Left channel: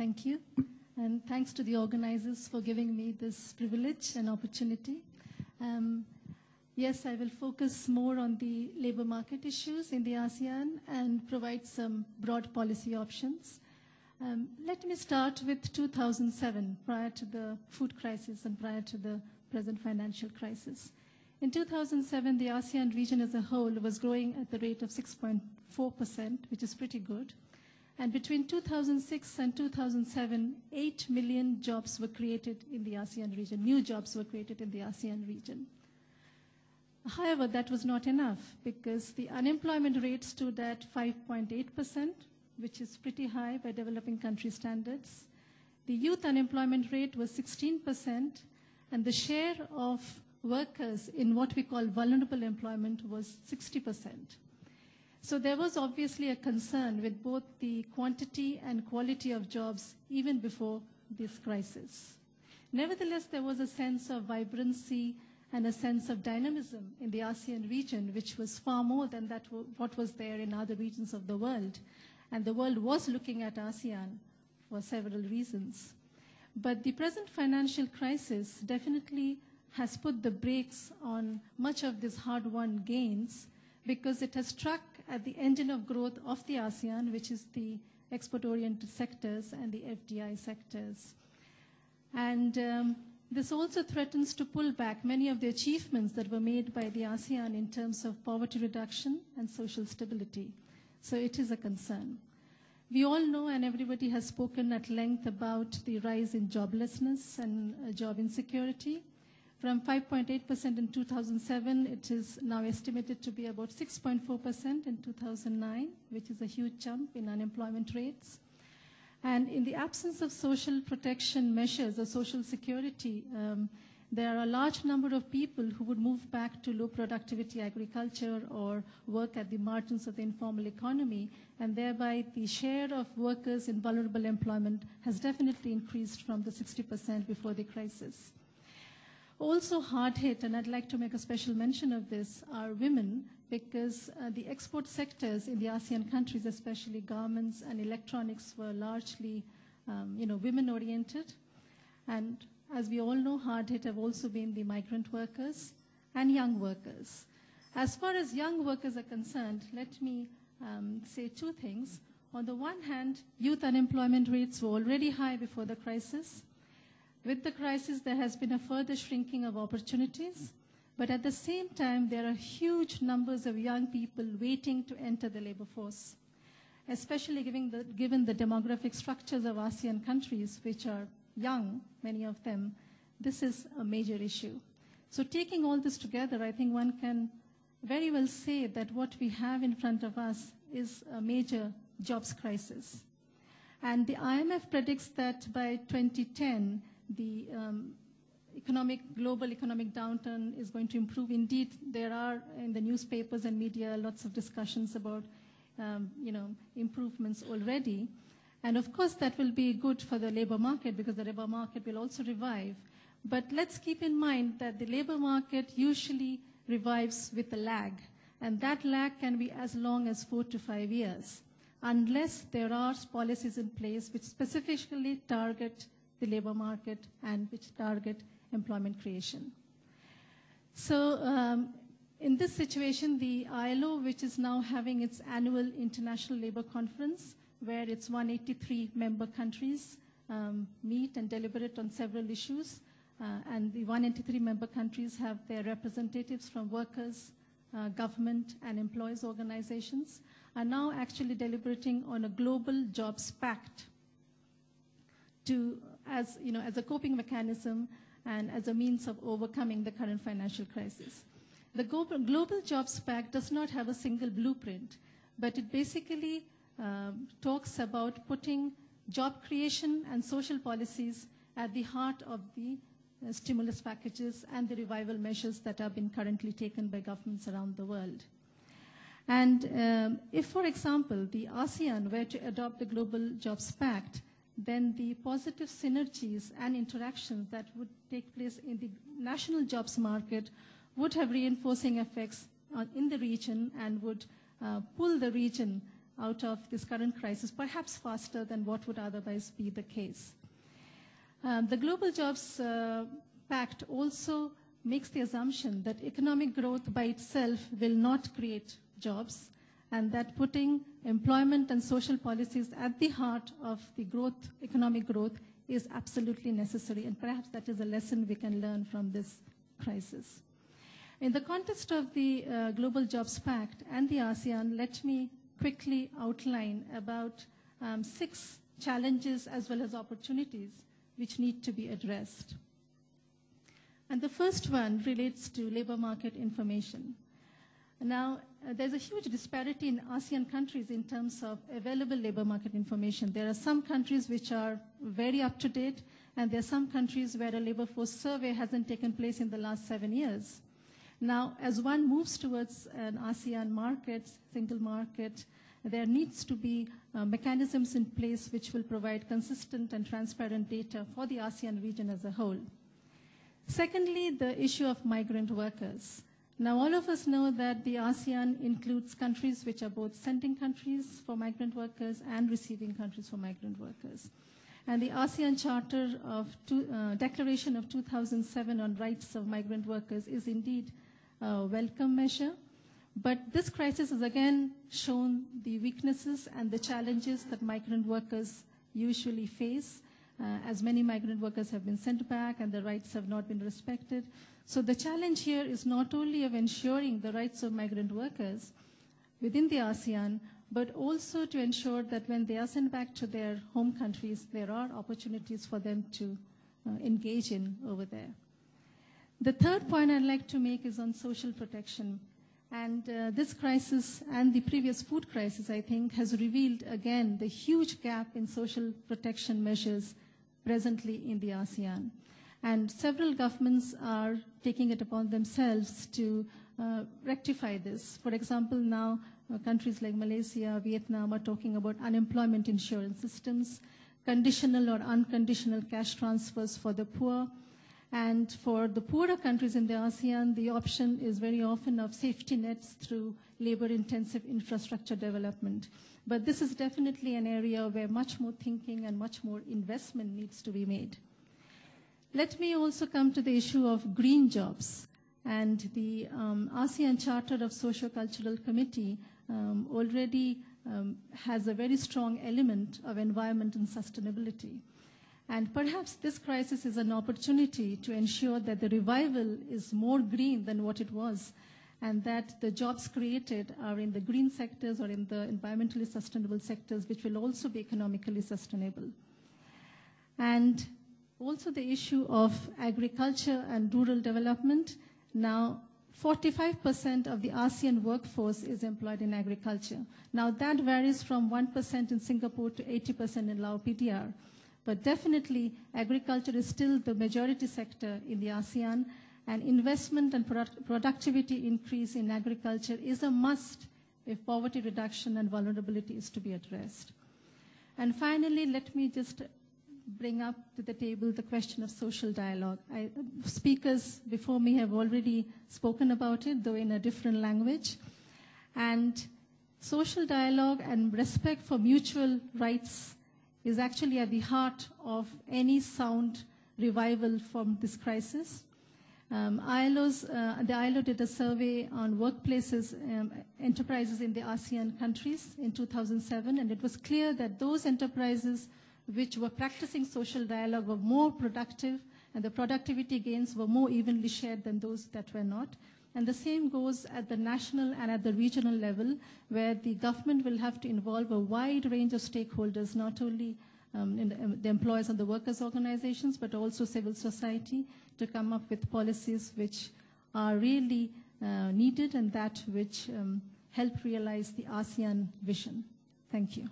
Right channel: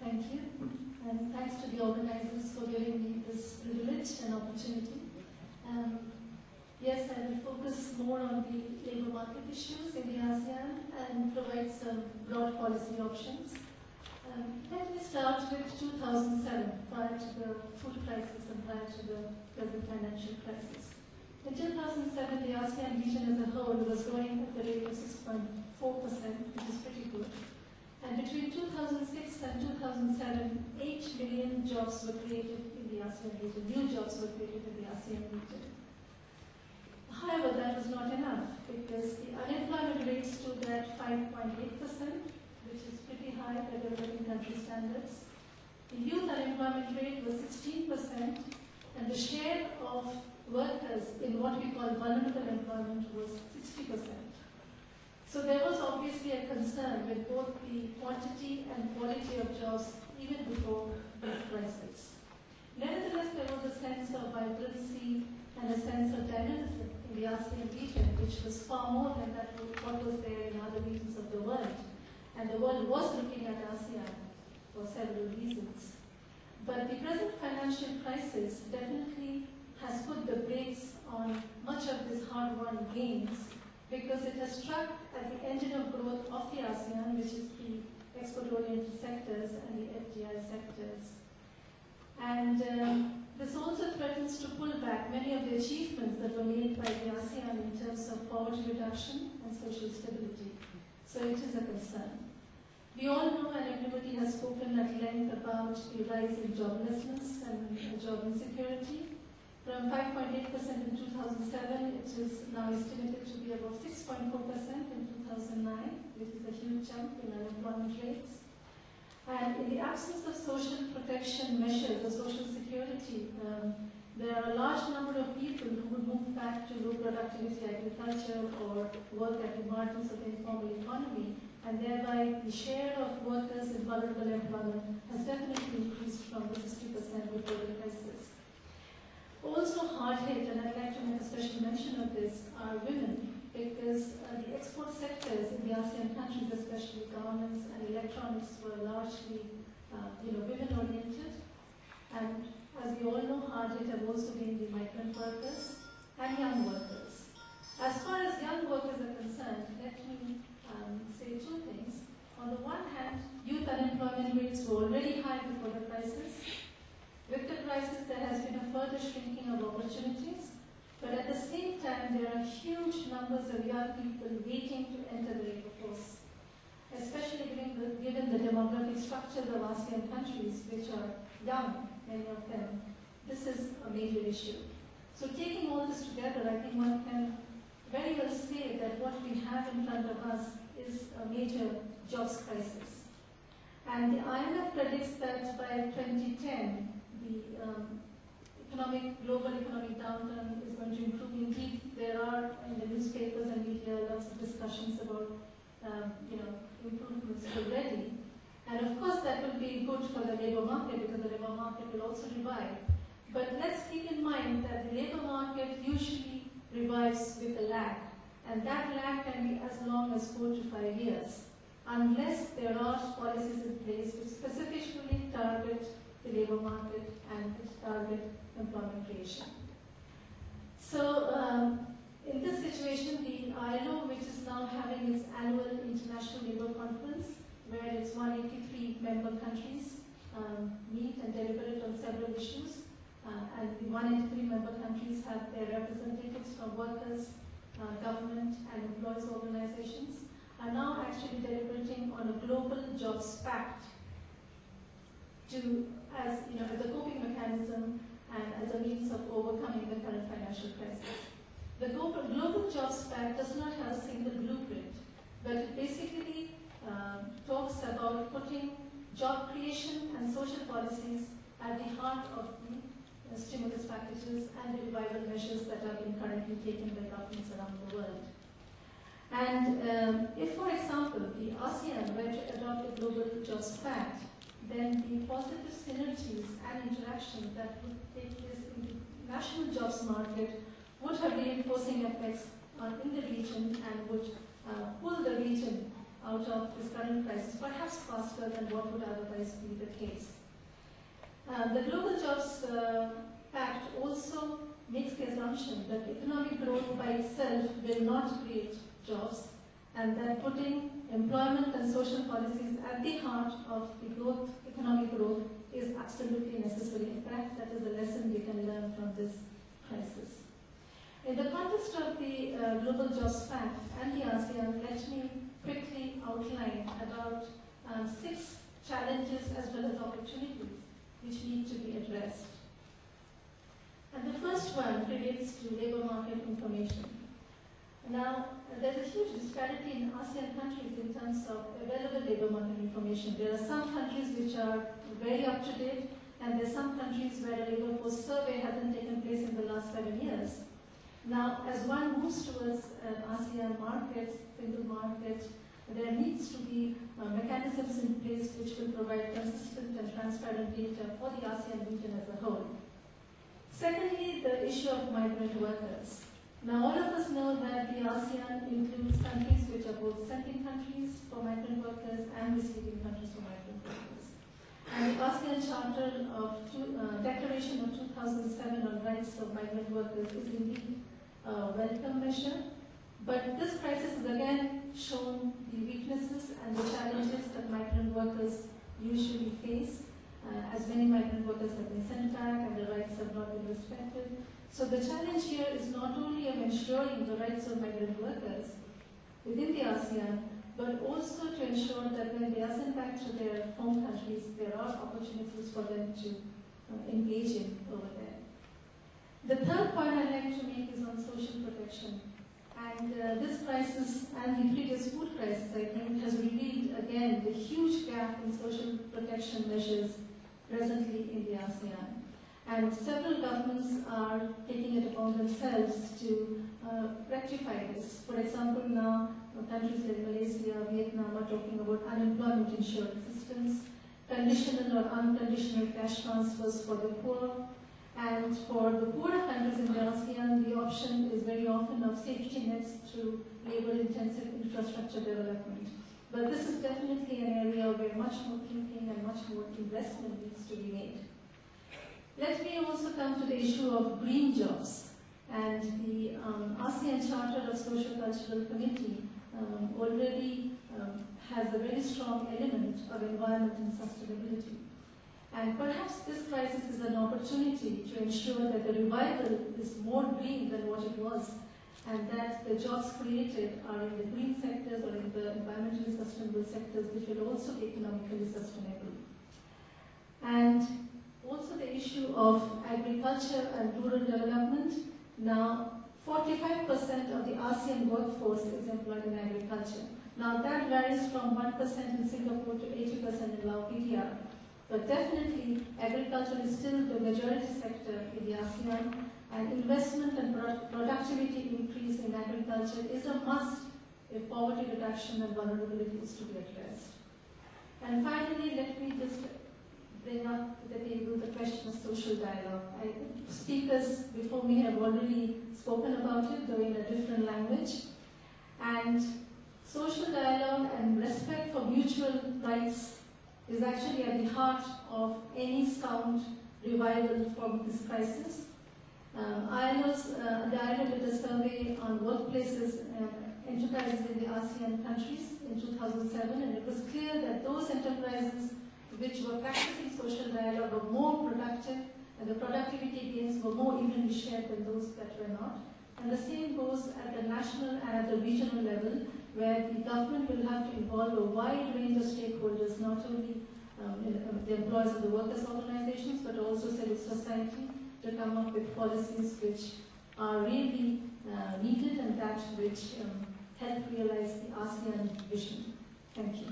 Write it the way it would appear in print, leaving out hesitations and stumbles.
Thank you, and thanks to the organizers for giving me this privilege and opportunity. Yes, I will focus more on the labor market issues in the ASEAN and provide some broad policy options. Let me start with 2007, prior to the food crisis and prior to the present financial crisis. In 2007, the ASEAN region as a whole was growing at the rate of 6.4%, which is pretty good. And between 2006 and 2007, 8 million jobs were created in the ASEAN region. New jobs were created in the ASEAN region. However, that was not enough because the unemployment rate stood at 5.8%, which is pretty high by developing country standards. The youth unemployment rate was 16%, and the share of workers in what we call vulnerable employment was 60%. So there was obviously a concern with both the quantity and quality of jobs even before this crisis. Nevertheless, there was a sense of vibrancy and a sense of dynamism in the ASEAN region, which was far more than what was there in other regions of the world. And the world was looking at ASEAN for several reasons. But the present financial crisis definitely has put the brakes on much of this hard-won gains because it has struck at the engine of growth of the ASEAN, which is the export-oriented sectors and the FDI sectors. And this also threatens to pull back many of the achievements that were made by the ASEAN in terms of poverty reduction and social stability. So it is a concern. We all know, and everybody has spoken at length about the rise in joblessness and job insecurity. From 5.8% in 2007, it is now estimated to be about 6.4% in 2009, which is a huge jump in unemployment rates. And in the absence of social protection measures or social security, there are a large number of people who would move back to low productivity agriculture or work at the margins of the informal economy, and thereby the share of workers in vulnerable employment has definitely increased from the 60% before the crisis. Also hard hit, and I'd like to make a special mention of this, are women, because the export sectors in the ASEAN countries, especially garments and electronics, were largely women-oriented. And as we all know, hard hit have also been the migrant workers and young workers. As far as young workers are concerned, let me say two things. On the one hand, youth unemployment rates were already high before the crisis. With the crisis, there has been a further shrinking of opportunities, but at the same time, there are huge numbers of young people waiting to enter the labor force, especially given the demographic structures of ASEAN countries, which are young, many of them. This is a major issue. So taking all this together, I think one can very well say that what we have in front of us is a major jobs crisis. And the IMF predicts that by 2010, the global economic downturn is going to improve. Indeed, there are in the newspapers and media lots of discussions about improvements already. And of course, that will be good for the labor market because the labor market will also revive. But let's keep in mind that the labor market usually revives with a lag. And that lag can be as long as 4 to 5 years, unless there are policies in place which specifically target the labor market and which target employment creation. So in this situation, the ILO, which is now having its annual International Labour Conference, where its 183 member countries meet and deliberate on several issues, and the 183 member countries have their representatives from workers, government and employees organizations, are now actually deliberating on a global jobs pact as a coping mechanism and as a means of overcoming the current financial crisis. The Global Jobs Pact does not have a single blueprint, but it basically talks about putting job creation and social policies at the heart of the stimulus packages and the revival measures that are being currently taken by governments around the world. And if, for example, the ASEAN were to adopt the Global Jobs Pact, then the positive synergies and interactions that would take place in the national jobs market would have reinforcing effects in the region and would pull the region out of this current crisis, perhaps faster than what would otherwise be the case. The Global Jobs Pact also makes the assumption that economic growth by itself will not create jobs, and that putting employment and social policies at the heart of the growth, economic growth, is absolutely necessary, and perhaps that is a lesson we can learn from this crisis. In the context of the Global Jobs Pact and the ASEAN, let me quickly outline about 6 challenges as well as opportunities which need to be addressed. And the first one relates to labor market information. Now, there's a huge disparity in ASEAN countries in terms of available labor market information. There are some countries which are very up to date, and there are some countries where a labor force survey hasn't taken place in the last 7 years. Now, as one moves towards an ASEAN market, single market, there needs to be mechanisms in place which will provide consistent and transparent data for the ASEAN region as a whole. Secondly, the issue of migrant workers. Now, all of us know that the ASEAN includes countries which are both sending countries for migrant workers and receiving countries for migrant workers. And the ASEAN Charter of Declaration of 2007 on Rights of Migrant Workers is indeed a welcome measure. But this crisis has again shown the weaknesses and the challenges that migrant workers usually face, as many migrant workers have been sent back and their rights have not been respected. So the challenge here is not only of ensuring the rights of migrant workers within the ASEAN, but also to ensure that when they are sent back to their home countries, there are opportunities for them to engage in over there. The third point I'd like to make is on social protection. And this crisis and the previous food crisis, I think, has revealed again the huge gap in social protection measures presently in the ASEAN. And several governments are taking it upon themselves to rectify this. For example, now countries like Malaysia, Vietnam are talking about unemployment insurance systems, conditional or unconditional cash transfers for the poor. And for the poorer countries in the ASEAN, the option is very often of safety nets through labor-intensive infrastructure development. But this is definitely an area where much more thinking and much more investment needs to be made. Let me also come to the issue of green jobs. And the ASEAN Charter of Socio-Cultural Committee already has a very strong element of environment and sustainability. And perhaps this crisis is an opportunity to ensure that the revival is more green than what it was, and that the jobs created are in the green sectors or in the environmentally sustainable sectors, which will also be economically sustainable. And also the issue of agriculture and rural development. Now, 45% of the ASEAN workforce is employed in agriculture. Now, that varies from 1% in Singapore to 80% in Lao PDR. But definitely, agriculture is still the majority sector in the ASEAN, and investment and productivity increase in agriculture is a must if poverty reduction and vulnerability is to be addressed. And finally, let me just bring up to the table the question of social dialogue. Speakers before me have already spoken about it, though in a different language. And social dialogue and respect for mutual rights is actually at the heart of any sound revival from this crisis. The ILO did a survey on workplaces, enterprises in the ASEAN countries in 2007, and it was clear that those enterprises which were practicing social dialogue were more productive, and the productivity gains were more evenly shared than those that were not. And the same goes at the national and at the regional level, where the government will have to involve a wide range of stakeholders, not only the employers and the workers' organizations, but also civil society, to come up with policies which are really needed and that which help realize the ASEAN vision. Thank you.